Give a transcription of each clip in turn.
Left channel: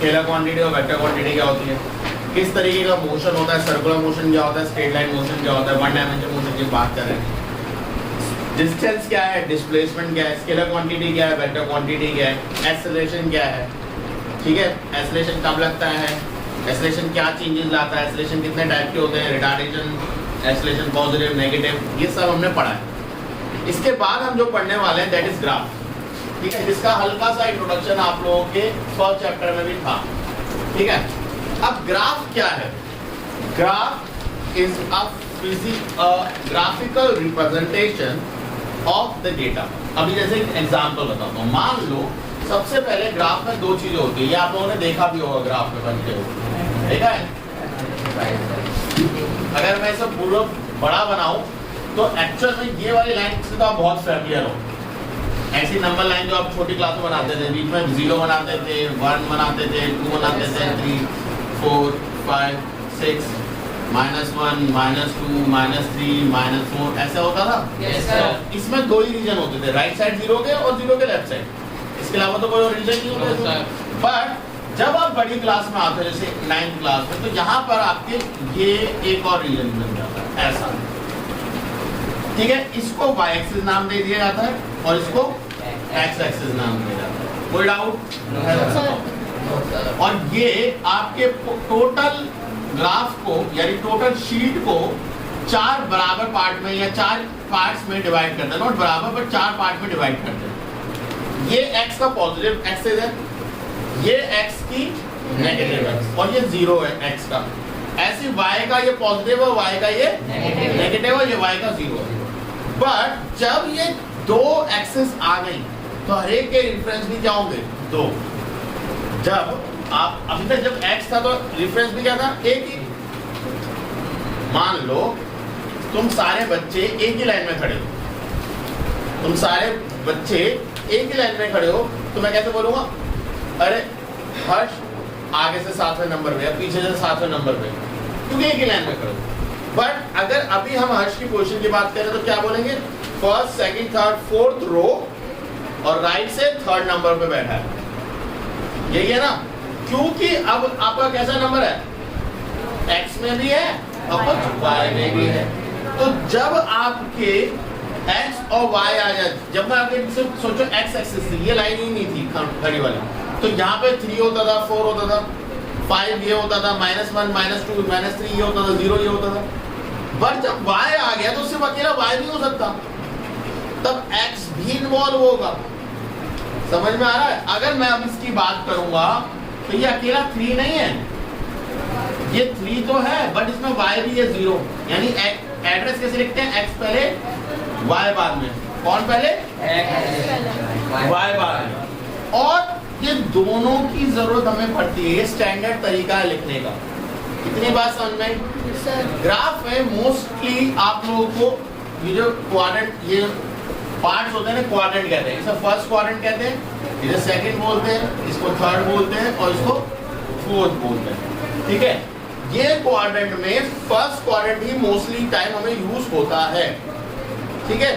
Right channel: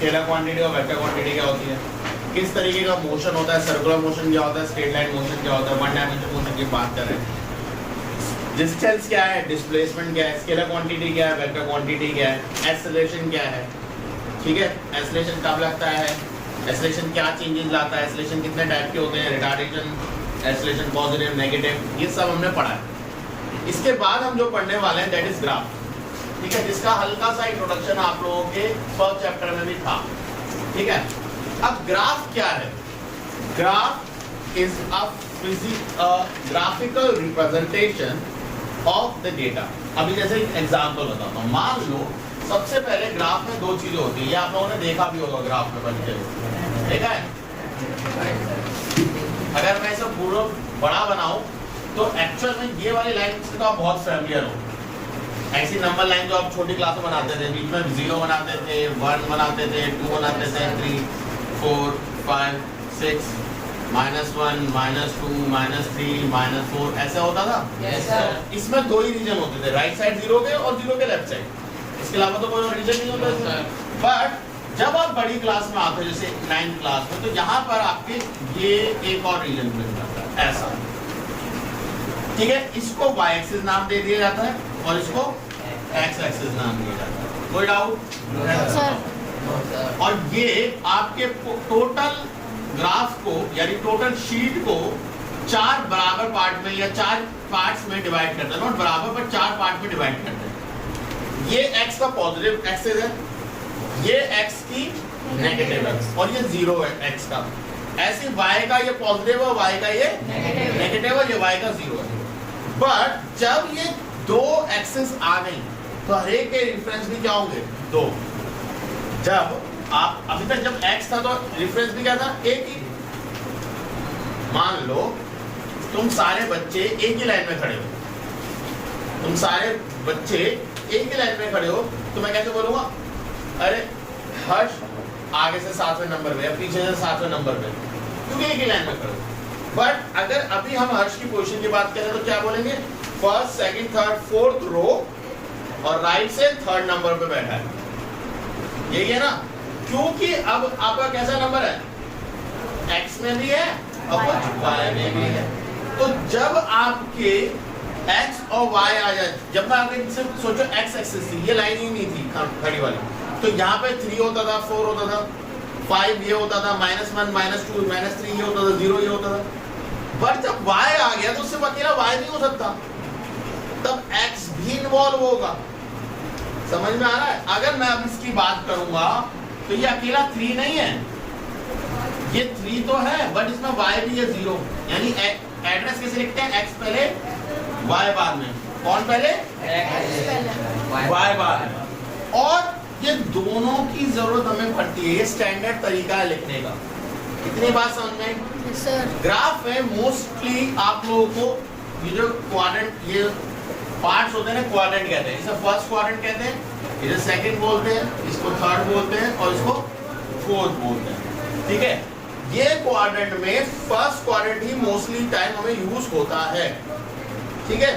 Scalar quantity और vector quantity क्या होती है, किस तरीके का मोशन होता है, सर्कुलर मोशन क्या होता है, स्ट्रेट लाइन मोशन क्या होता है, वन डायमेंशन मोशन की बात कर रहे हैं। डिस्टेंस क्या है, डिस्प्लेसमेंट क्या है, स्केलर क्वांटिटी क्या है, वेक्टर क्वांटिटी क्या है, एक्सेलरेशन क्या है, ठीक है, एक्सेलरेशन कब लगता है, एक्सेलरेशन क्या चेंजेस लाता है, एक्सेलरेशन कितने टाइप के होते हैं, रिटार्डेशन, एक्सेलरेशन पॉजिटिव नेगेटिव, ये सब हमने पढ़ा है। इसके बाद हम जो पढ़ने वाले हैं दैट इज ग्राफ, ठीक है, जिसका हल्का सा इंट्रोडक्शन आप लोगों के फर्स्ट चैप्टर में भी था, ठीक है। अब ग्राफ क्या है, graph is a graphical representation of the data. अभी जैसे एग्जांपल बताता हूँ, मान लो सबसे पहले ग्राफ में दो चीजें होती है, ये आप लोगों ने देखा भी होगा ग्राफ में बनते हुए, देखा है। अगर मैं इसे पूरा बड़ा बनाऊं तो एक्चुअल में ये वाली लाइन से तो आप बहुत फैमिलियर हो, ऐसी नंबर लाइन जो आप छोटी क्लास में बनाते थे, बीच में 0 बनाते थे, 1 बनाते थे, 2 बनाते थे, 3 4 5 6 -1 -2 -3 -4 ऐसा होता था। yes, sir. इसमें दो ही रीजन होते थे, राइट साइड 0 के और 0 के लेफ्ट साइड, इसके अलावा तो कोई और रीजन नहीं होता। बट जब आप बड़ी क्लास में आते हो जैसे 9th क्लास में, तो यहाँ पर आपके ये एक और रीजन मिल जाता है ऐसा, ठीक है। इसको y एक्सिस नाम दे दिया जाता है और इसको x एक्सिस नाम दिया जाता है। कोई डाउट? और ये आपके टोटल ग्राफ को यानी टोटल शीट को 4 बराबर पार्ट में या 4 पार्ट्स में डिवाइड करते हैं, नॉट बराबर पर 4 पार्ट में डिवाइड करते हैं। ये x का पॉजिटिव एक्सिस है, ये x की नेगेटिव एक्सिस और ये 0 है x का। ऐसे y का ये पॉजिटिव है, y का ये नेगेटिव है, ये y का 0 है। बट जब ये दो एक्सिस आ गई तो हर एक के रिफरेंस भी क्या होंगे, 2। जब आप अभी तक जब x था तो रिफरेंस भी क्या था, एक ही। मान लो तुम सारे बच्चे एक ही लाइन में खड़े हो, तुम सारे बच्चे एक ही लाइन में खड़े हो, तो मैं कैसे बोलूंगा, अरे हर्ष आगे से 7वें नंबर पे या पीछे से 7वें नंबर पे, क्योंकि एक ही लाइन में खड़े हो। बट अगर अभी हम हर्ष की पोजीशन की बात करें तो क्या बोलेंगे, first second third fourth row और राइट से 3rd नंबर पे बैठा है, यही है ना। क्योंकि अब आपका कैसा नंबर है, x में भी है और कुछ y में भी है। तो जब आपके x और y आ जाए, जब मैं आपके सिर्फ सोचो x एक्सिस थी, ये लाइन ही नहीं थी खड़ी वाली, तो यहाँ पे 3 होता था, 4 होता था, 5 ये होता था, -1 -2 -3 ये होता था, 0 ये होता था। बट जब y आ गया तो सिर्फ अकेला y नहीं हो सकता, तब x भी इन्वॉल्व होगा। समझ में आ रहा है? अगर मैं अब इसकी बात करूंगा तो ये अकेला 3 नहीं है, ये 3 तो है बट इसमें y भी है 0, यानी एड्रेस कैसे लिखते हैं, x पहले y बाद में, कौन पहले, y बाद में। और ये दोनों की जरूरत हमें पड़ती है, ये स्टैंडर्ड तरीका है लिखने का। कितनी बात समझ में? ग्राफ में मोस्टली आप लोगों को ये जो क्वाड्रेंट, ये पार्ट्स होते हैं ना, क्वाड्रेंट कहते हैं। इसे फर्स्ट क्वाड्रेंट कहते हैं, इसे सेकंड बोलते हैं, इसको थर्ड बोलते हैं और इसको फोर्थ बोलते हैं, ठीक है। ये क्वाड्रेंट में फर्स्ट क्वाड्रेंट ही मोस्टली टाइम हमें यूज होता है, ठीक है।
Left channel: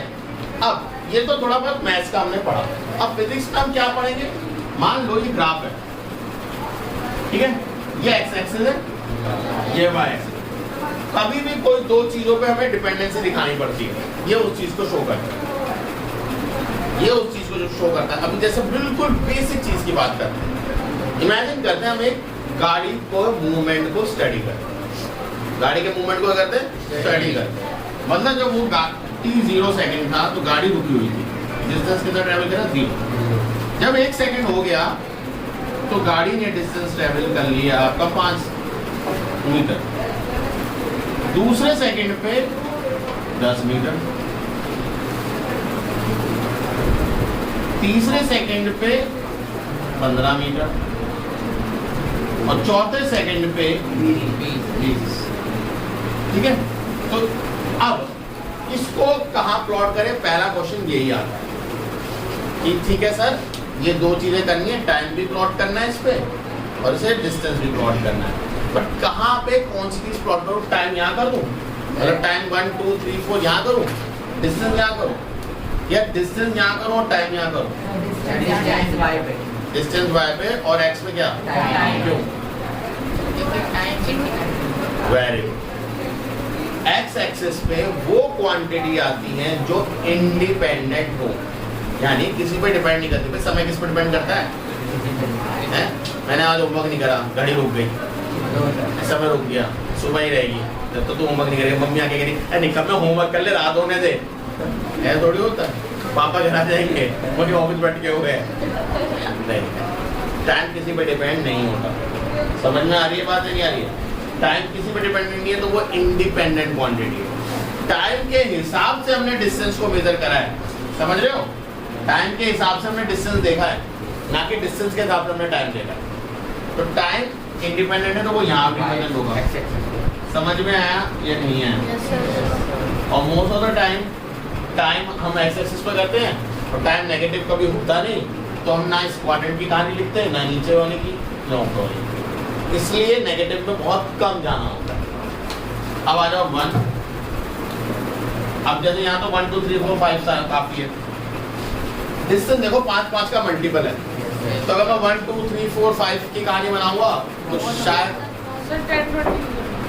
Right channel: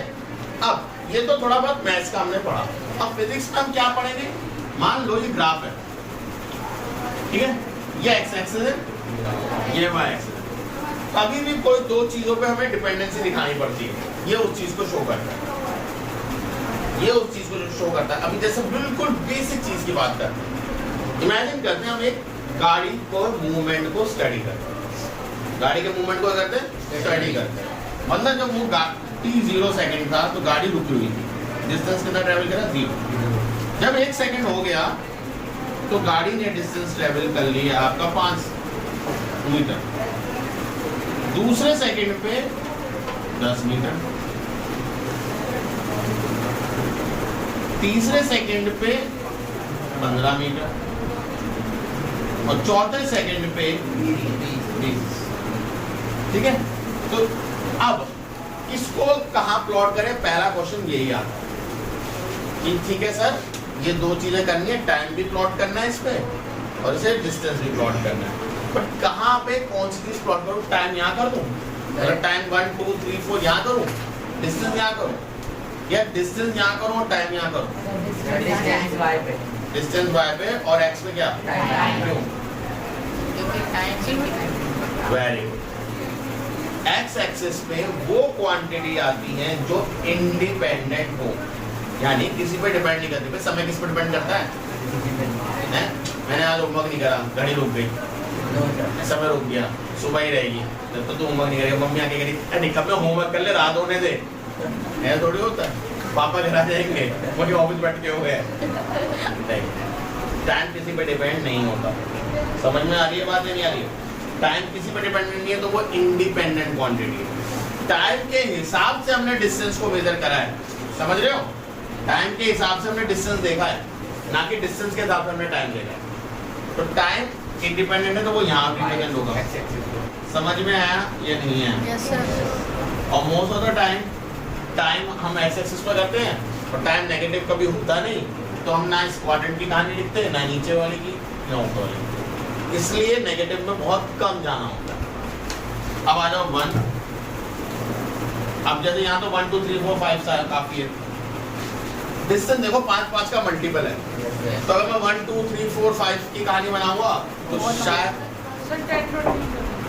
अब ये तो थोड़ा बहुत मैथ्स का हमने पढ़ा, अब फिजिक्स में हम क्या पढ़ेंगे। मान लो ये ग्राफ है, ठीक है, ये x एक्सिस है, ये y एक्सिस। कभी भी कोई दो चीजों पे हमें डिपेंडेंसी दिखानी पड़ती है, ये उस चीज को शो करता है, ये उस चीज को जो शो करता है। अभी जैसे बिल्कुल बेसिक चीज की बात करते हैं, इमेजिन करते हैं हम एक गाड़ी को मूवमेंट को स्टडी करते हैं, गाड़ी के मूवमेंट को करते हैं, स्टडी करते हैं। मतलब जब वो t 0 सेकंड था तो गाड़ी रुकी हुई थी, डिस्टेंस कितना ट्रेवल करा, 0। जब 1 सेकंड हो गया तो गाड़ी ने डिस्टेंस ट्रेवल कर लिया आपका 5 मीटर, दूसरे सेकंड पे 10 मीटर, तीसरे सेकंड पे 15 मीटर और चौथे सेकंड पे 20। ठीक है, तो अब इसको कहाँ प्लॉट करें, पहला क्वेश्चन यही आता है कि ठीक है सर, ये दो चीजें करनी है, टाइम भी प्लॉट करना है इस पे और इसे डिस्टेंस भी प्लॉट करना है। बट कहाँ पे कौन सी चीज प्लॉट करूँ, टाइम यहाँ कर दूँ, अगर टाइम 1 2 3 4 यहाँ करूँ, डिस्टेंस यहाँ करूँ, या डिस्टेंस यहाँ करूँ और टाइम यहाँ करूँ, डिस्टेंस y पे और x पे क्या? क्यों? Very good. x एक्सिस पे वो क्वांटिटी आती है जो इंडिपेंडेंट हो, यानी किसी पे डिपेंड नहीं करती। भाई समय किस पे डिपेंड करता है? मैंने आज होमवर्क नहीं करा, घड़ी रुक गई, समय रुक गया, सुबह ही रहेगी, जब तो तू होमवर्क नहीं करेगा मम्मी आके कह रही निकम में होमवर्क कर ले, रात होने दे। ऐसा थोड़ी होता है, पापा घर आ जाएंगे मुझे ऑफिस बैठ के हुए। टाइम किसी पे डिपेंड नहीं होता। समझ में आ रही है बात? नहीं आ रही है? टाइम किसी पे डिपेंड नहीं है तो वो इंडिपेंडेंट क्वांटिटी है। टाइम के हिसाब से हमने डिस्टेंस को मेजर करा है, समझ रहे हो? टाइम के हिसाब से हमने डिस्टेंस देखा है, ना कि डिस्टेंस के हिसाब से हमने टाइम देखा है। तो टाइम इंडिपेंडेंट है तो वो यहाँ रिप्रेजेंट होगा। समझ में आया या नहीं आया? और मोस्ट ऑफ द टाइम हम एक्स एक्सिस पे करते हैं और टाइम नेगेटिव कभी होता नहीं, तो हम ना इस क्वाड्रेंट की कहानी लिखते हैं, ना नीचे वाले की, ना ऊपर वाले की। इसलिए नेगेटिव में बहुत कम जाना होता है। अब आ जाओ 1। अब जैसे यहाँ तो 1 2 3 4 5 काफी है। डिस्टेंस देखो 5 5 का मल्टीपल है, तो अगर मैं 1 2 3 4 5 की कहानी बनाऊंगा तो शायद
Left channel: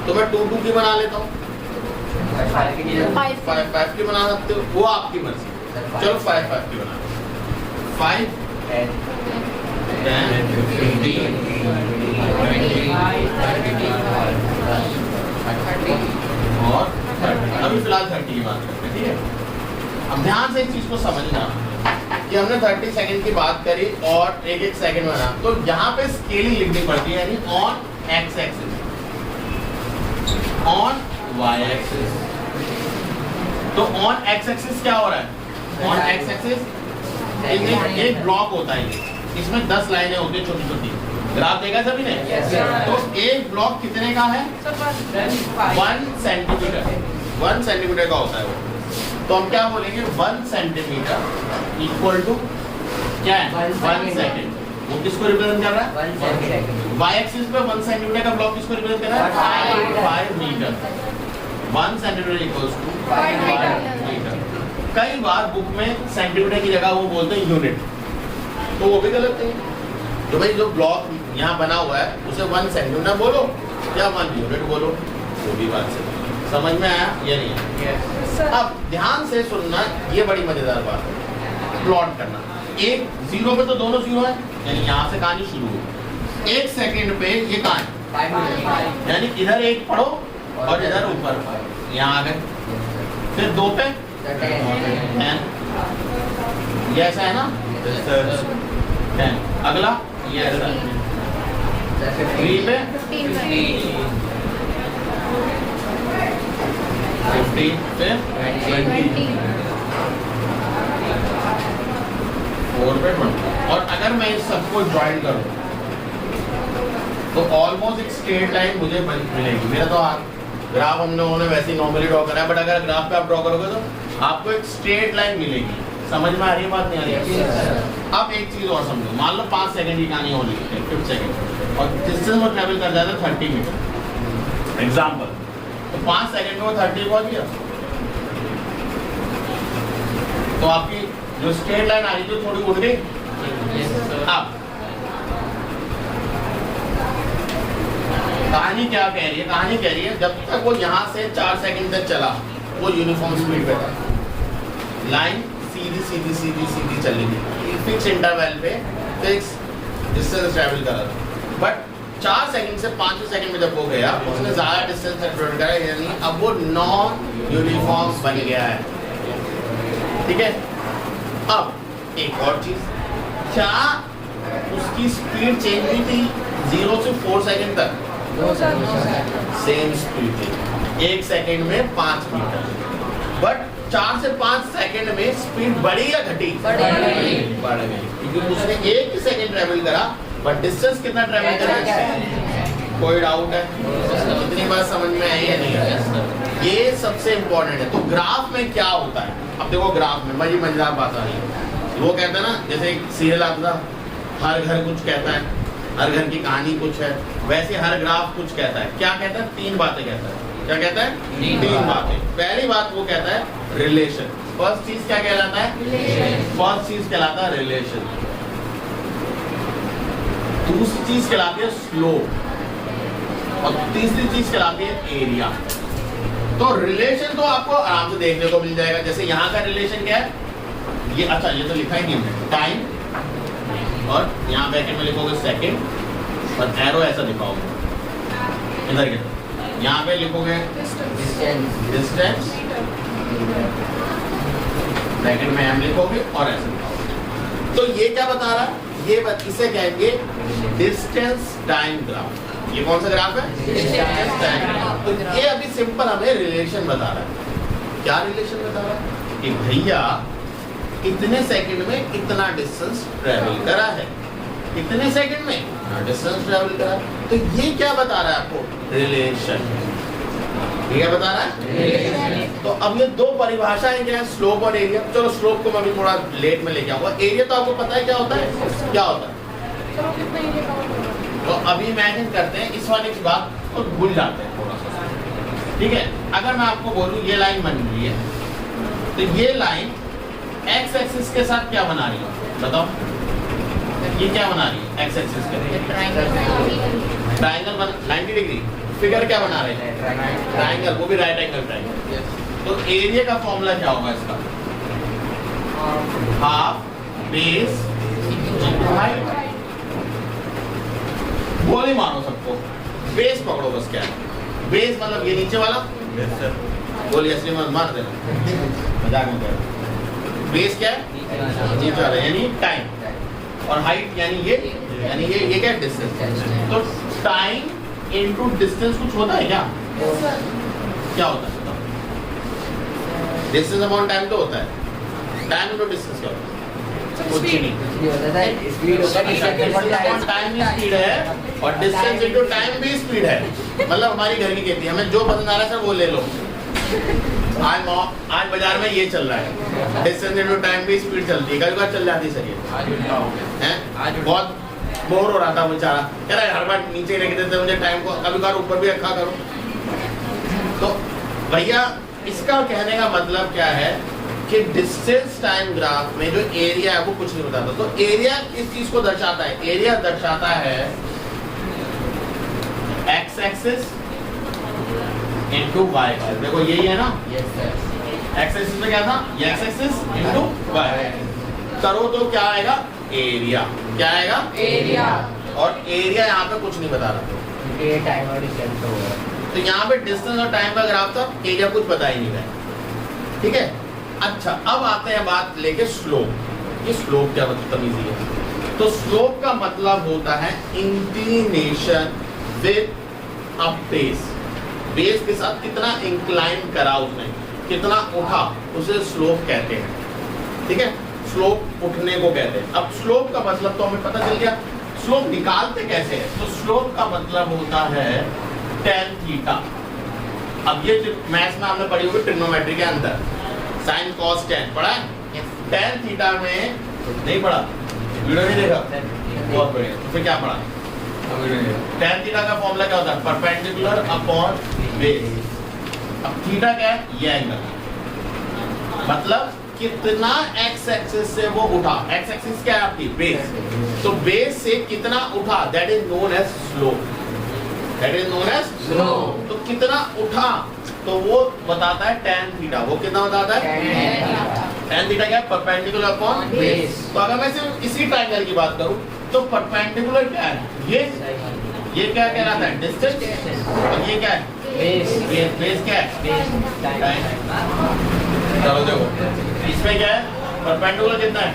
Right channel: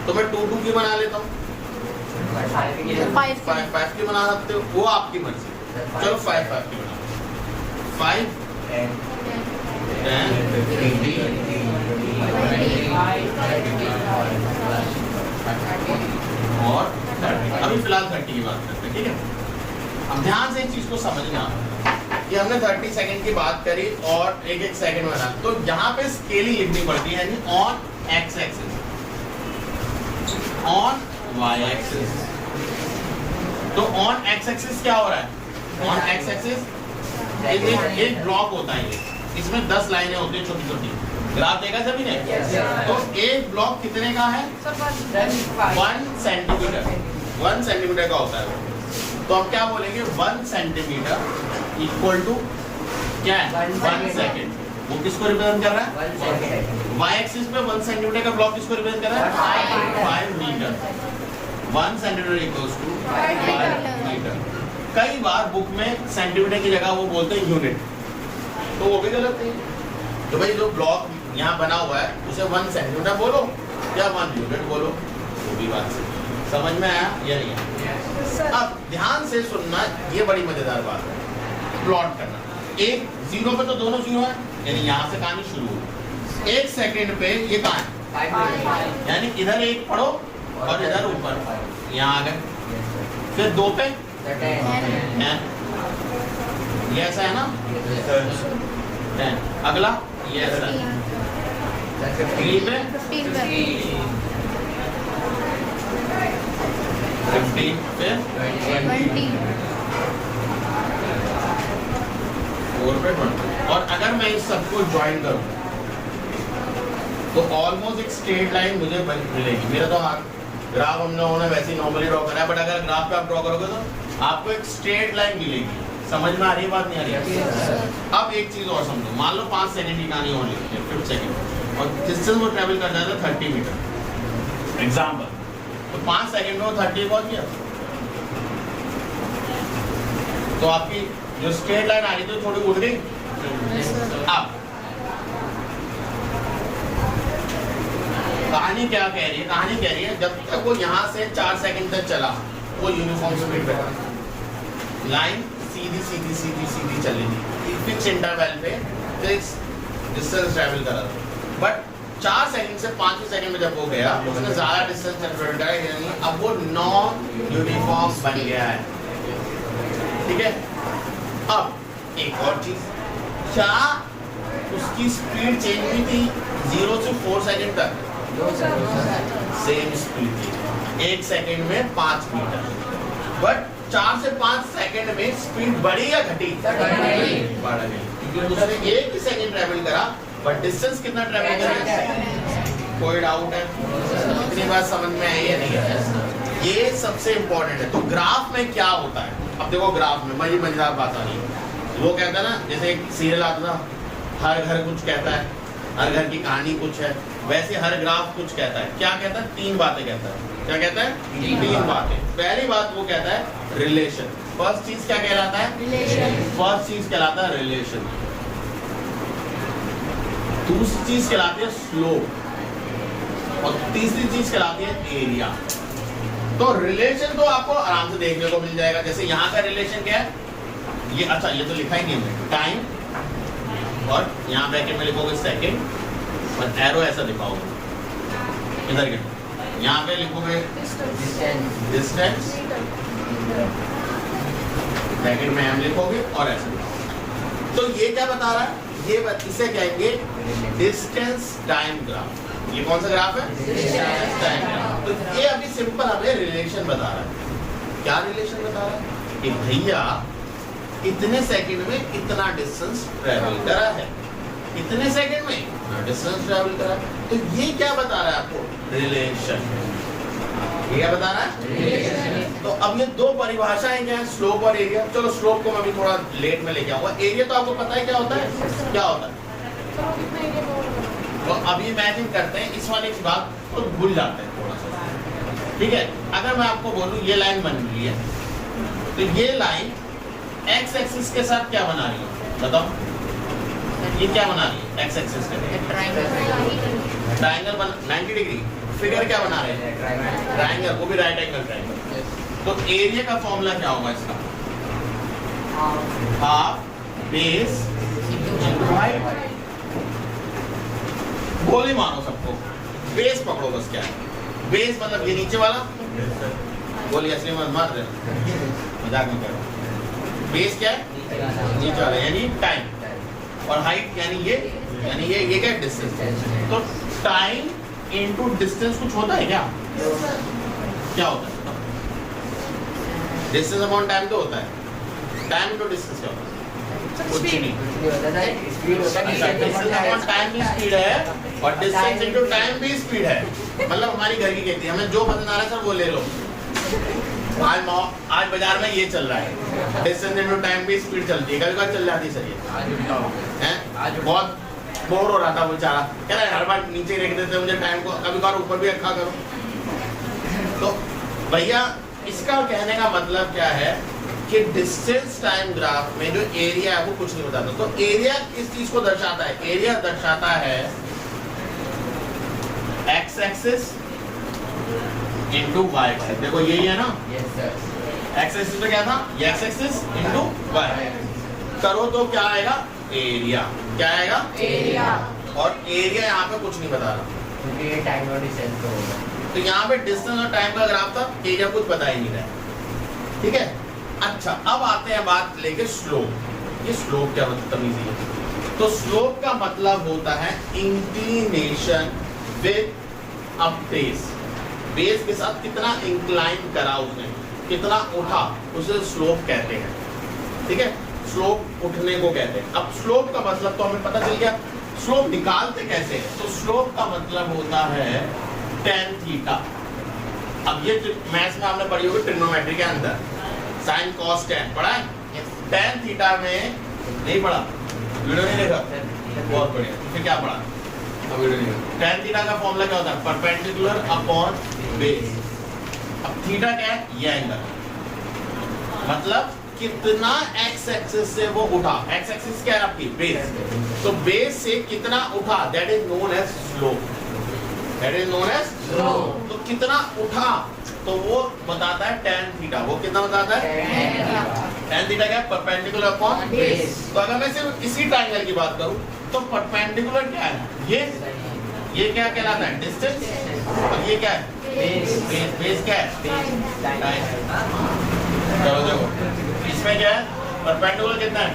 तो मैं 2 2 की बना लेता हूँ, 5 5 की बना सकते हो, वो आपकी मर्जी। चलो 5 5 की बना, 5 10 15 और 30। अभी फिलहाल 30 की बात करते हैं, ठीक है? अब ध्यान से इस चीज को समझना कि हमने 30 सेकंड की बात करी और एक एक सेकंड बना, तो यहाँ पे स्केलिंग लिखनी पड़ती है, यानी on X axis, on Y axis. तो ऑन एक्स एक्सिस क्या हो रहा है? ऑन एक्स एक्सिस एक ब्लॉक होता है, इसमें 10 लाइनें होती है छोटी छोटी। ग्राफ देखा सभी ने? तो एक ब्लॉक कितने का है? 1 सेंटीमीटर, 1 सेंटीमीटर का होता है वो। तो हम क्या बोलेंगे? 1 सेंटीमीटर इक्वल टू क्या है? 1 सेकेंड। वो किसको रिप्रेजेंट कर रहा है? वाई एक्सिस पे 1 सेंटीमीटर का ब्लॉक किसको रिप्रेजेंट कर रहा है? 5 metre. 1 centimetre equals to 5 metre. कई बार बुक में सेंटीमीटर की जगह वो बोलते हैं यूनिट, तो वो भी गलत है। तो भाई जो ब्लॉक यहाँ बना हुआ है उसे 1 सेंटीमीटर बोलो या 1 यूनिट बोलो, वो भी बात सही। समझ में आया या नहीं? अब ध्यान से सुनना, ये बड़ी मजेदार बात है, प्लॉट करना। एक 0 पे तो दोनों 0 है, यानी यहाँ से कहानी शुरू हुई। 1 सेकंड पे ये कहाँ है? यानी इधर 1 पढ़ो और इधर ऊपर, यहाँ आ गए। फिर 2 पे 10, ये ऐसा है ना 10। अगला ये ऐसा है, 3 पे 15 पे 20, 4 पे 20। और अगर मैं इस सबको ज्वाइन करूं तो ऑलमोस्ट एक स्ट्रेट लाइन मुझे मिलेगी। मेरा तो ग्राफ हम लोगों ने वैसे ही नॉर्मली ड्रॉ करा है, बट अगर ग्राफ पे आप ड्रॉ करोगे तो आपको एक स्ट्रेट लाइन मिलेगी। समझ में आ रही है बात? नहीं आ रही है? अब एक चीज और समझो, मान लो 5 सेकंड की कहानी और लिखते हैं, 5 सेकंड, और डिस्टेंस वो ट्रेवल कर जाता है 30 मीटर एग्जाम्पल। तो 5 सेकंड में वो 30 पहुंच गया, तो आपकी जो स्ट्रेट लाइन आ रही थी थोड़ी उड़ गई। अब कहानी क्या कह रही है? कहानी कह रही है जब तक वो यहाँ से 4 सेकंड तक चला वो यूनिफॉर्म स्पीड पे था, लाइन सीधी सीधी सीधी सीधी चलेगी, फिक्स इंटरवल पे फिक्स डिस्टेंस ट्रैवल करा था। बट 4 सेकंड से 5 सेकंड में जब वो गया उसने ज्यादा डिस्टेंस ट्रैवल करा, यानी अब वो नॉन यूनिफॉर्म बन गया है। ठीक है? अब एक और चीज, क्या उसकी स्पीड चेंज हुई थी 0 से 4 सेकंड तक? सेम स्पीड थी, 1 सेकंड में 5 मीटर। बट 4 से 5 सेकंड में स्पीड बढ़ी या घटी? बढ़ गई, क्योंकि उसने 1 ही सेकंड ट्रैवल करा, बट डिस्टेंस कितना ट्रैवल करा? कोई डाउट है? इतनी बात समझ में आई या नहीं? ये सबसे इंपॉर्टेंट है। तो ग्राफ में क्या होता है? अब देखो ग्राफ में बड़ी मजेदार बात आ रही है। वो कहता है ना, जैसे एक सीरियल आता था, हर घर कुछ कहता है, हर घर की कहानी कुछ है, वैसे हर ग्राफ कुछ कहता है। क्या कहता है? 3 बातें कहता है। क्या कहता है? 3 बातें। पहली बात वो कहता है रिलेशन। फर्स्ट चीज क्या कहलाता है? फर्स्ट चीज कहलाता है रिलेशन। दूसरी चीज कहलाती है स्लोप, और तीसरी चीज कहलाती है एरिया। तो रिलेशन तो आपको आराम से देखने को मिल जाएगा। जैसे यहाँ का रिलेशन क्या है, ये अच्छा ये तो लिखा ही नहीं हमने, टाइम, और यहाँ ब्रैकेट में लिखोगे सेकंड, और एरो ऐसा दिखाओगे इधर के, यहाँ पे लिखोगे डिस्टेंस, ब्रैकेट में हम लिखोगे और ऐसे दिखाओगे। तो ये क्या बता रहा है, ये इसे कहेंगे डिस्टेंस टाइम ग्राफ। ये कौन सा ग्राफ है, डिस्टेंस टाइम। तो ये अभी सिंपल हमें रिलेशन बता रहा है। क्या रिलेशन बता रहा है कि भैया इतने सेकंड में इतना डिस्टेंस ट्रेवल करा है, इतने सेकंड में डिस्टेंस ट्रेवल करा है। तो ये क्या बता रहा है आपको, रिलेशन। ये क्या बता रहा है, रिलेशन। तो अब ये दो परिभाषाएं क्या है, स्लोप और एरिया। चलो स्लोप को मैं अभी थोड़ा लेट में लेके आऊंगा। एरिया तो आपको पता है क्या होता है, क्या होता है। तो अभी इमेजिन करते हैं इस वाले की बात और भूल जाते हैं थोड़ा सा, ठीक है। अगर मैं आपको बोलूं ये लाइन बन रही है, तो ये लाइन एक्स एक्सिस के साथ क्या बना रही है, बताओ। ये क्या बना रही है, एक्स एक्सिस के ट्रायंगल बन 90 डिग्री। फिगर क्या बना रहे हैं, ट्रायंगल, वो भी राइट एंगल ट्रायंगल। तो एरिया का फॉर्मूला क्या होगा इसका, हाफ बेस इनटू हाइट। गोली मारो सबको, बेस पकड़ो बस। क्या है बेस, मतलब ये नीचे वाला, गोली असली में मार देना, मजाक में कह रहा हूं। बेस क्या है, नीचे वाला यानी टाइम, और हाइट यानी ये क्या डिस्टेंस। तो टाइम इनटू डिस्टेंस कुछ होता है क्या, क्या होता है, डिस्टेंस अपॉन टाइम तो होता है। टाइम इनटू डिस्टेंस क्या होता है, कुछ नहीं होता है। स्पीड होता है, डिस्टेंस अपॉन टाइम भी स्पीड है, और डिस्टेंस इनटू टाइम भी स्पीड है। मतलब हमारी घर की कहती है, हमें जो पसंद आ रहा है सर वो ले लो। आज बाजार में ये चल रहा है, डिस्टेंस इनटू टाइम भी स्पीड चलती है, कभी बार चल जाती है सर। ये हैं बहुत बोर हो रहा था बेचारा, कह रहा है हर बार नीचे रख देते मुझे टाइम को, कभी बार ऊपर भी रखा करो। तो भैया इसका कहने का मतलब क्या है कि डिस्टेंस टाइम ग्राफ में जो एरिया है वो कुछ नहीं बताता। तो एरिया किस चीज को दर्शाता है, एरिया दर्शाता है X axis into Y axis. देखो यही है ना, एक्स एक्सिस में क्या था, ये एक्स एक्सिस इनटू वाई करो तो क्या आएगा, एरिया। क्या आएगा, एरिया। और एरिया यहाँ पे कुछ नहीं बता रहा, क्योंकि ये टाइम और डिस्टेंस होगा। तो यहाँ पे डिस्टेंस और टाइम का ग्राफ था, एरिया कुछ बता ही नहीं रहा है, ठीक है। अच्छा अब आते हैं बात लेके स्लोप। ये स्लोप क्या मतलब, तमीज है। तो स्लोप का मतलब होता है inclination with a base. Base के साथ कितना इंक्लाइन करा उसने, कितना उठा, उसे स्लोप कहते हैं, ठीक है। स्लोप उठने को कहते हैं। अब स्लोप का मतलब तो हमें पता चल गया, स्लोप निकालते कैसे हैं। तो स्लोप का मतलब होता है tan थीटा। अब ये मैथ्स में आपने पढ़ी होगी ट्रिग्नोमेट्री के अंदर, साइन कॉस टैन पढ़ा है। tan थीटा में नहीं पढ़ा, वीडियो नहीं देखा, बहुत बढ़िया। फिर क्या पढ़ा, tan थीटा का फॉर्मूला क्या होता है, परपेंडिकुलर अपॉन बेस। अब थीटा क्या है, ये एंगल, मतलब कितना एक्स एक्सिस से वो उठा। एक्स एक्सिस क्या है आपकी, बेस। तो बेस से कितना उठा, that is known as slope, that is known as slope. तो कितना उठा तो वो बताता है tan थीटा। वो कितना बताता है, tan थीटा क्या है, परपेंडिकुलर अपॉन बेस। तो अगर मैं सिर्फ इसी ट्रायंगल की बात करूं तो परपेंडिकुलर क्या है, ये क्या कहलाता है, डिस्टेंस, और ये क्या है, बेस। बेस क्या है, टाइम। चलो देखो इसमें क्या है, परपेंडिकुलर कितना है,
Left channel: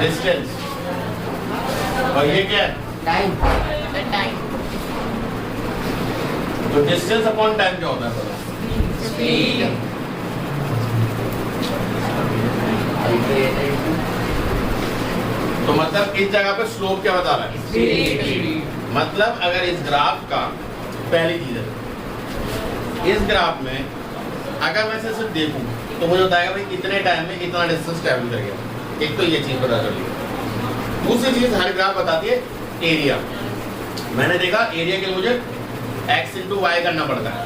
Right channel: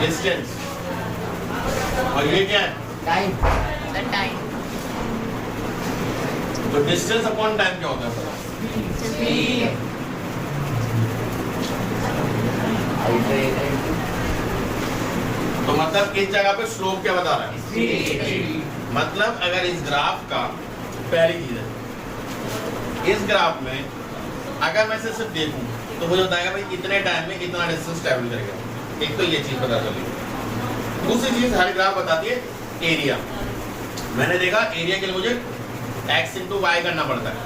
डिस्टेंस, और ये क्या है, टाइम। तो डिस्टेंस अपॉन टाइम क्या होता है, स्पीड। तो मतलब इस जगह पे स्लोप क्या बता रहा है, मतलब अगर इस ग्राफ का, पहली चीज है इस ग्राफ में अगर मैं सिर्फ देखूं तो मुझे बताएगा भाई इतने टाइम में इतना डिस्टेंस ट्रैवल कर गया। एक तो ये चीज पता चली। दूसरी चीज हर ग्राफ बताती है एरिया। मैंने देखा एरिया के लिए मुझे x इंटू वाई करना पड़ता है,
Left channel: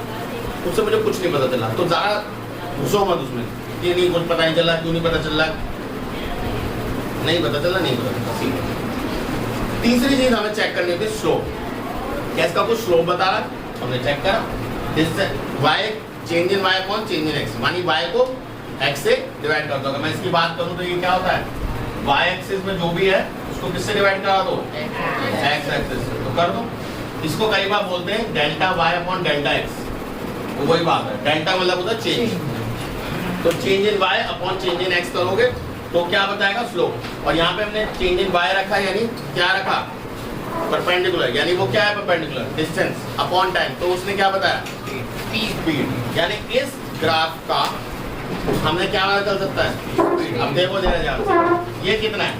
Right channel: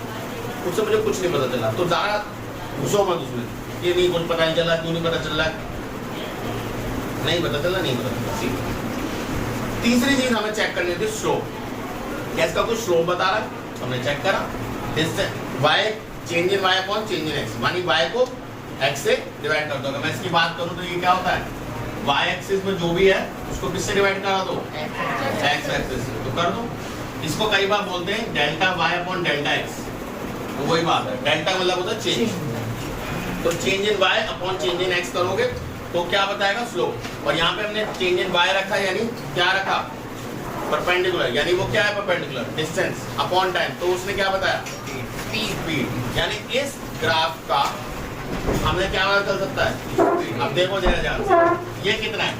उससे मुझे कुछ नहीं पता चला। तो ज्यादा घुसो मत उसमें, ये नहीं कुछ पता नहीं चला, क्यों नहीं पता चल रहा है। नहीं पता चला, नहीं पता चला, सीख। तीसरी चीज हमें चेक करनी होती है स्लोप। क्या इसका कुछ स्लोप बता रहा है, हमने चेक करा, इससे y change in y upon change in x, मानी y को x से डिवाइड कर दो। अगर मैं इसकी बात करूं तो ये क्या होता है, y एक्सिस में जो भी है उसको किससे डिवाइड करा दो, x एक्सिस से, तो कर दो। इसको कई बार बोलते हैं delta y upon delta x, वही बात है, डेल्टा मतलब होता है चेंज। तो change in y upon change in x करोगे तो क्या बताएगा, स्लोप। और यहाँ पे हमने चेंज इन y रखा, यानी क्या रखा, परपेंडिकुलर, यानी वो क्या है परपेंडिकुलर, डिस्टेंस अपॉन टाइम, तो उसने क्या बताया, स्पीड। यानी इस ग्राफ का हमने क्या पता चल सकता है, अब देखो जरा ध्यान से, ये कितना है,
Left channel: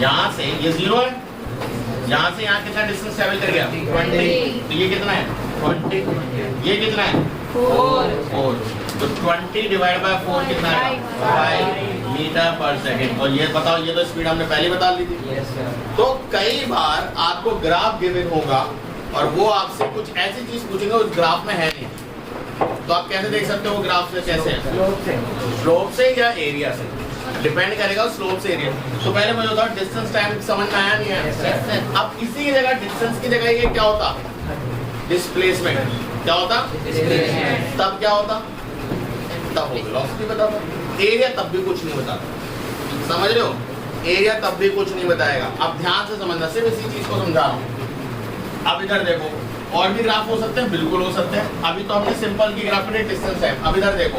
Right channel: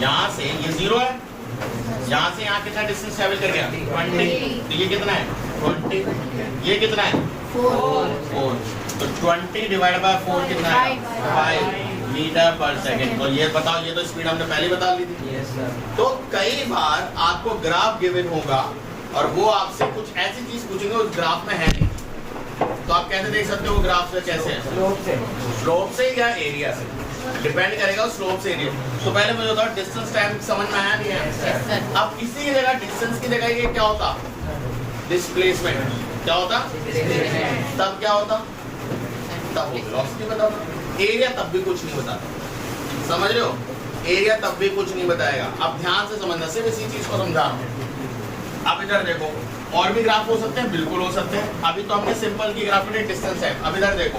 यहाँ से ये 0 है, यहाँ से यहाँ कितना डिस्टेंस ट्रैवल कर गया, 20, तो ये कितना है 20, ये कितना है 4, तो 20 डिवाइड बाय 4 कितना है 5 मीटर पर सेकेंड। और ये बताओ, ये तो स्पीड हमने पहले बता ली थी। तो कई बार आपको ग्राफ गिवन होगा और वो आपसे कुछ ऐसी चीज पूछेंगे उस ग्राफ में है नहीं, तो आप कैसे देख सकते हो ग्राफ से, कैसे है, स्लोप से या एरिया से, डिपेंड करेगा स्लोप से एरिया। तो पहले मुझे बताओ डिस्टेंस टाइम समझ में आया नहीं है, अब इसी की जगह डिस्टेंस की जगह ये क्या होता, डिस्प्लेसमेंट, क्या होता, तब क्या होता, तब वेलोसिटी बताता, एरिया तब भी कुछ नहीं बताता, समझ रहे हो, एरिया तब भी कुछ नहीं बताएगा। अब ध्यान से समझना, सिर्फ इसी चीज को समझा रहा हूँ। अब इधर देखो, और भी ग्राफ हो सकते हैं, बिल्कुल हो सकते हैं, अभी तो हमने सिंपल की ग्राफ में डिस्टेंस है। अब इधर देखो,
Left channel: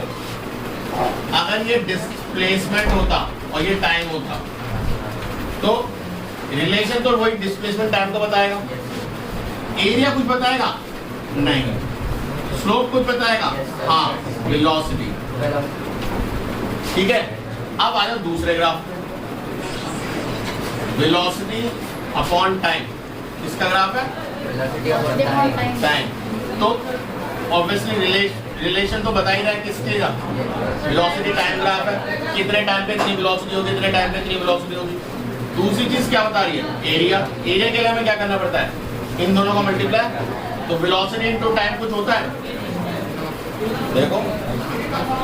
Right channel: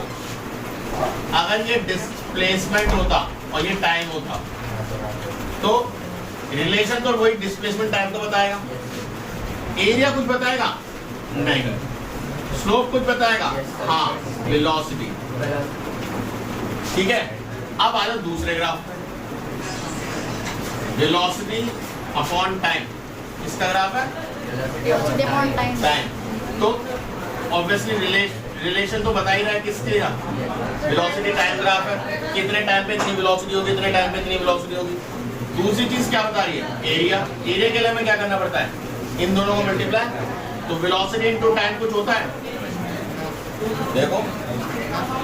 अगर ये डिस्प्लेसमेंट होता और ये टाइम होता तो रिलेशन तो वही डिस्प्लेसमेंट टाइम को बताएगा, एरिया कुछ बताएगा नहीं, स्लोप कुछ बताएगा, हाँ वेलोसिटी, ठीक है। अब आ जाओ दूसरे ग्राफ, वेलोसिटी अपॉन टाइम, किसका ग्राफ है, टाइम, तो ऑब्वियसली रिलेशन तो बता ही रहा है किसके, वेलोसिटी टाइम ग्राफ है, कितने टाइम पे इतनी वेलोसिटी होगी, इतने टाइम पे इतनी वेलोसिटी होगी। दूसरी चीज क्या बता रही है, एरिया, एरिया के लिए हमें क्या करना पड़ता है, इन दोनों को मल्टीप्लाई, तो वेलोसिटी इनटू टाइम कुछ होता है, देखो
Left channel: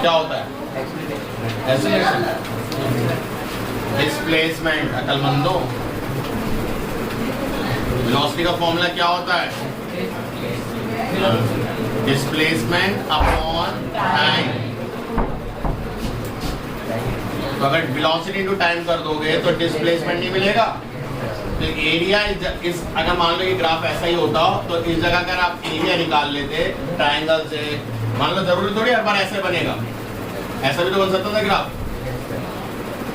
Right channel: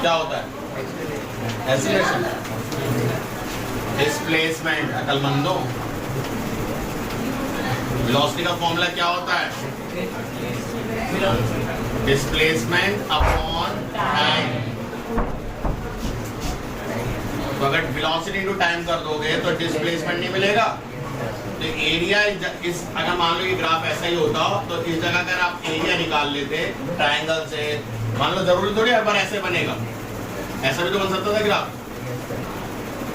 क्या होता है, एक्सीलरेशन, डिस्प्लेसमेंट, अकलमंदो, वेलोसिटी का फॉर्मूला क्या होता है, डिस्प्लेसमेंट अपॉन टाइम। तो अगर वेलोसिटी इनटू टाइम कर दोगे तो डिस्प्लेसमेंट नहीं मिलेगा, तो एरिया इस, अगर मान लो ये ग्राफ ऐसा ही होता तो इस जगह अगर आप एरिया निकाल लेते ट्रायंगल से, मान लो जरूरी थोड़ी हर बार ऐसे बनेगा, ऐसा भी तो बन सकता था ग्राफ,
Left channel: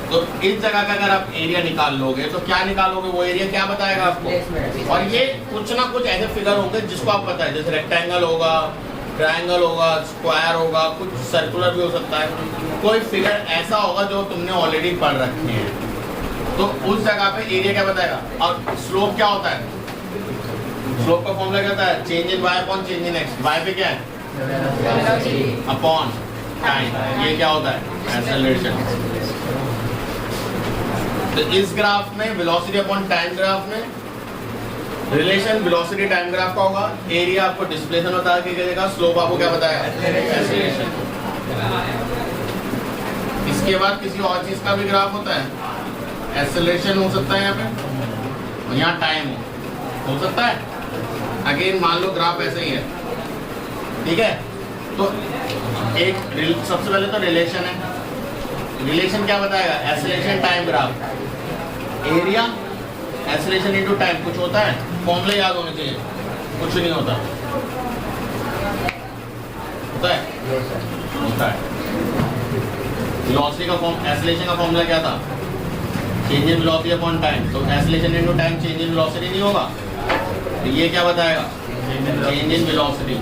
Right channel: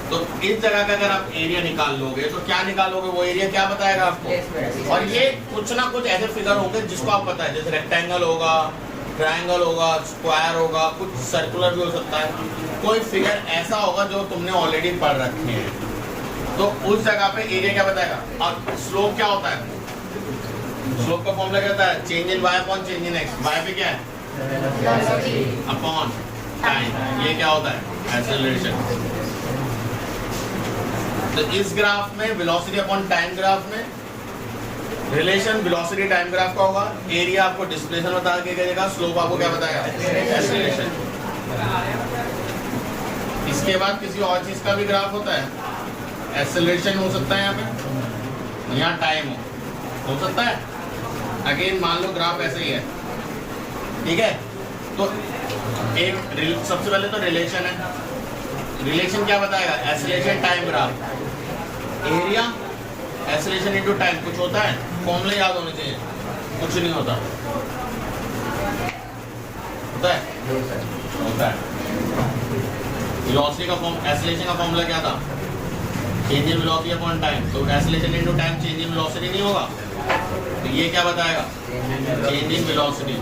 तो इस जगह का अगर आप एरिया निकाल लोगे तो क्या निकालोगे, वो एरिया क्या बताएगा आपको, और ये कुछ ना कुछ ऐसे फिगर होंगे जिसको आप पता है, जैसे रेक्टेंगल होगा, ट्रायंगल होगा, स्क्वायर होगा, कुछ सर्कुलर भी हो सकता है, कोई फिगर ऐसा होगा जो तुमने ऑलरेडी पढ़ रखे हैं, तो उस जगह पे एरिया क्या बताएगा। और स्लोप क्या होता है, स्लोप का फॉर्मूला क्या होता है, change in y upon change in x, y पे क्या है अपॉन टाइम, ये क्या होता है एक्सेलरेशन। तो इस ग्राफ में वेलोसिटी अपॉन टाइम ग्राफ में रिलेशन वेलोसिटी टाइम ग्राफ का होगा, एरिया आपको डिस्प्लेसमेंट बता के देगा, स्लोप आपको क्या बताएगा, एक्सेलरेशन। इसके बाद किसी और चीज का भी ग्राफ होता है, एक्सेलरेशन हो सकता है यहाँ पे, यहाँ टाइम हो सकता है, अगेन मान लो ग्राफ ऐसे ही है, ठीक है। तो एक सबसे पहले तो रिलेशन है, रिलेशन क्या बताएगा, acceleration time graph, area acceleration into time, कुछ होता है, फॉर्मूले याद होने चाहिए, कुछ नहीं होता, होता है, होता है। वेलोसिटी का फॉर्म, एक्सेलरेशन का फॉर्मूला क्या था, change in velocity upon time, तो acceleration into time change in velocity नहीं होगा, तो ये क्या बताएगा, चेंज इन वेलोसिटी।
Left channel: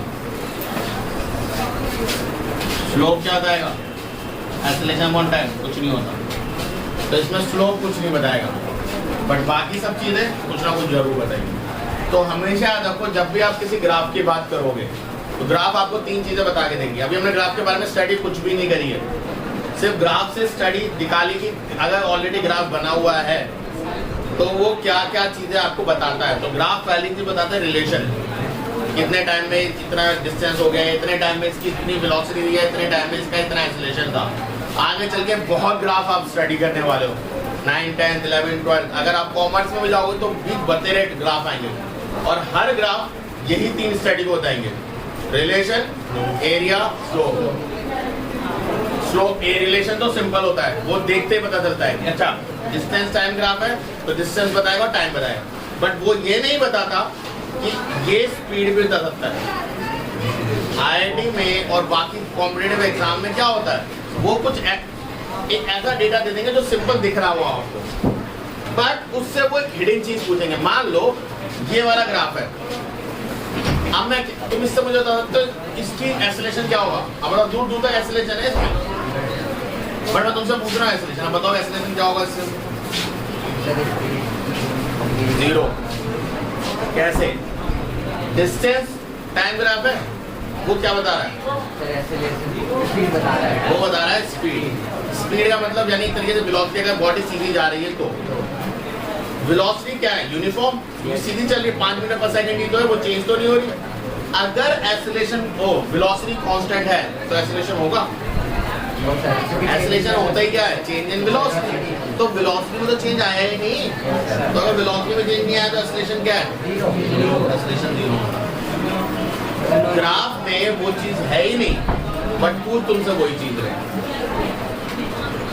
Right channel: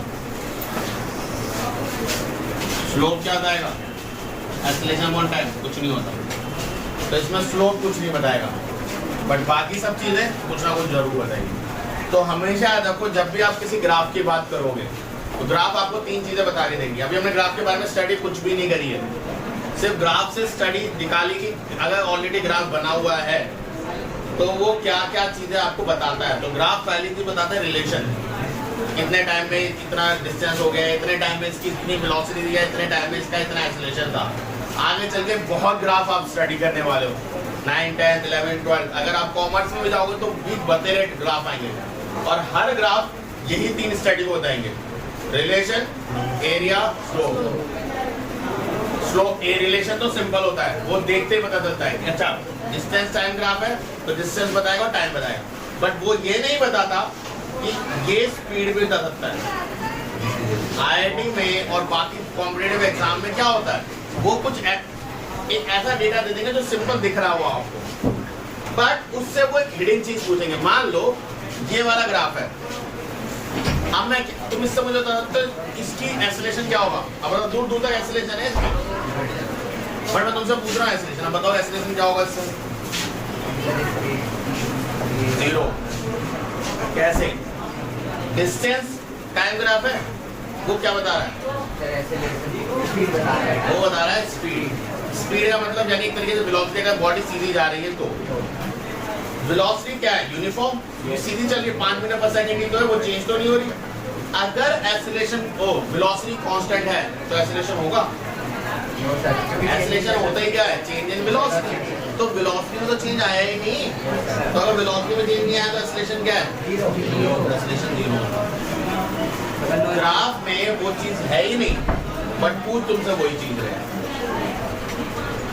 स्लोप क्या बताएगा, एक्सेलरेशन अपॉन टाइम, कुछ नहीं होता, तो इसमें स्लोप कुछ नहीं बताएगा, बट बाकी सब चीजें कुछ ना कुछ जरूर बताएंगी। तो हमेशा याद रखो, जब भी आप किसी ग्राफ की बात करोगे तो ग्राफ आपको 3 चीजें बता के देंगी। अभी हमने ग्राफ के बारे में स्टडी कुछ भी नहीं करी है, सिर्फ ग्राफ से स्टडी निकाली कि अगर ऑलरेडी ग्राफ बना हुआ है तो वो क्या क्या चीजें आपको बताता है। तो ग्राफ पहली चीज बताता है रिलेशन, कितने टाइम में इतना डिस्टेंस हो गया, इतने टाइम में इसकी इतनी वेलोसिटी दी है, इतने टाइम में इसका इतना एक्सेलरेशन था। आगे चल के बहुत ग्राफ आप स्टडी करने वाले हो, 9, 10, 11, 12, अगर आप कॉमर्स में भी जाओगे तो भी बतेरे ग्राफ आएंगे, और हर ग्राफ यही 3 स्टैटिक होता है, relation, area, slope. Slope a relation तो सिंपल होता है, वो देखते ही पता चलता है। अच्छा, डिस्टेंस टाइम ग्राफ है तो डिस्टेंस बताएगा, टाइम बताएगा, बट वो ये नहीं बताता कि ये स्पीड भी बता सकता है। आईआईटी में और बाकी कॉम्पिटिटिव एग्जाम में क्या होता है, वो कुछ एक ऐसा डेटा दे देंगे जो सिंपल दिख रहा हो आपको, बट उससे वो एक हिडन चीज पूछेंगे। मान लो ये वाला ग्राफ है, अब मैं तुम इससे मुझे बता तो इसकी एक्सेलरेशन क्या होगा, अब दूर दूर तक एक्सेलरेशन है इसमें, बट मैं तुमसे पूछ रहा हूँ एक्सेलरेशन, अब बताओ एक्सेलरेशन क्या होगा इससे? 0। कैसे? डिस्टेंस टाइम ग्राफ है, वो क्या बता रहा है? वो बता रहा है स्पीड। स्पीड का मतलब यानी एक तरीके से वेलोसिटी, अगर बॉडी सीधी जा रही है तो वेलोसिटी क्या है? यूनिफॉर्म, सीधी चल रही है 5 मीटर पर सेकंड की तो है, वो चेंज तो नहीं हो रही। अगर एक्सेलरेशन वेलोसिटी कांस्टेंट है तो एक्सेलरेशन होगा? एक्सेलरेशन होता ही क्या है? Change in velocity. तो वेलोसिटी में तो चेंज आया ही नहीं, तो अगर वेलोसिटी में चेंज नहीं आया तो एक्सेलरेशन क्या है? एक्सेलरेशन 0। ग्राफ में वो चीज है ही नहीं, बट पूछ तुमसे वही चीज रहे।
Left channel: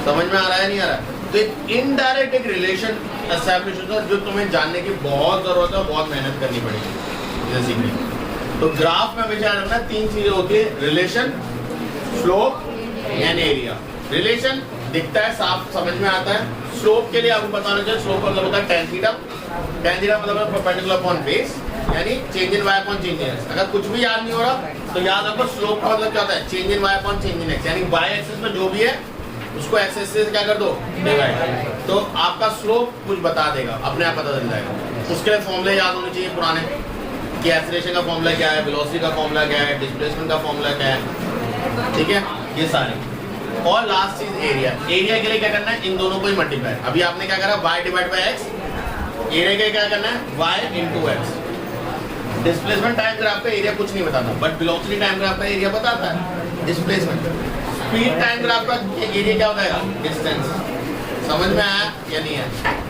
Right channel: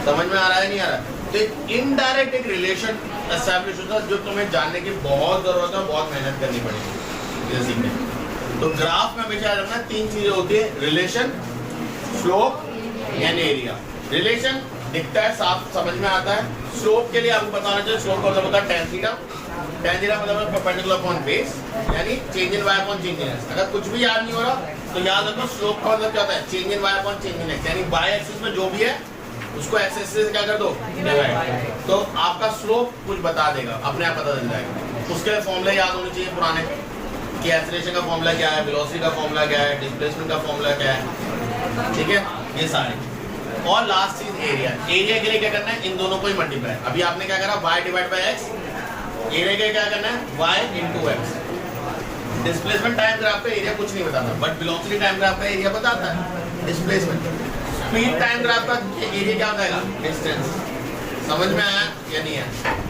समझ में आ रहा है नहीं आ रहा? तो एक इनडायरेक्ट एक रिलेशन एस्टैब्लिश होता है जो तुम्हें जानने की बहुत जरूरत है, बहुत मेहनत करनी पड़ेगी इसे सीखने। तो ग्राफ में हमेशा रखना 3 चीजें होती है, relation, slope and area. Relation दिखता है, साफ समझ में आता है। स्लोप के लिए आपको पता होना चाहिए, स्लोप का मतलब होता है tan थीटा। tan थीटा मतलब है परपेंडिकुलर अपॉन बेस, यानी change in y upon change in x। अगर कुछ भी याद नहीं हो रहा तो याद रखो स्लोप का मतलब क्या होता है? Change in y upon change in x, यानी y एक्सिस में जो भी है उसको एक्सिस से क्या कर दो, डिवाइड। तो आपका स्लोप कुछ बता देगा, अपने आप पता चल जाएगा। उसके लिए फॉर्मूले याद होने चाहिए पुराने, कि एक्सेलरेशन का फॉर्मूला क्या है, वेलोसिटी का फॉर्मूला क्या है, डिस्प्लेसमेंट का फॉर्मूला क्या है, ठीक है, ये सारे। और लास्ट चीज एरिया। एरिया के लिए क्या करना है? इन दोनों को ही मल्टीप्लाई। अभी आपने क्या करा? y divide by x। Area के लिए क्या करना है? y into x। Displacement time graph का एरिया कुछ नहीं बताता, बट वेलोसिटी टाइम ग्राफ का एरिया बताता है। डिस्प्लेसमेंट स्पीड टाइम ग्राफ का एरिया क्या बताएगा? डिस्टेंस। समझ में आया या नहीं आया?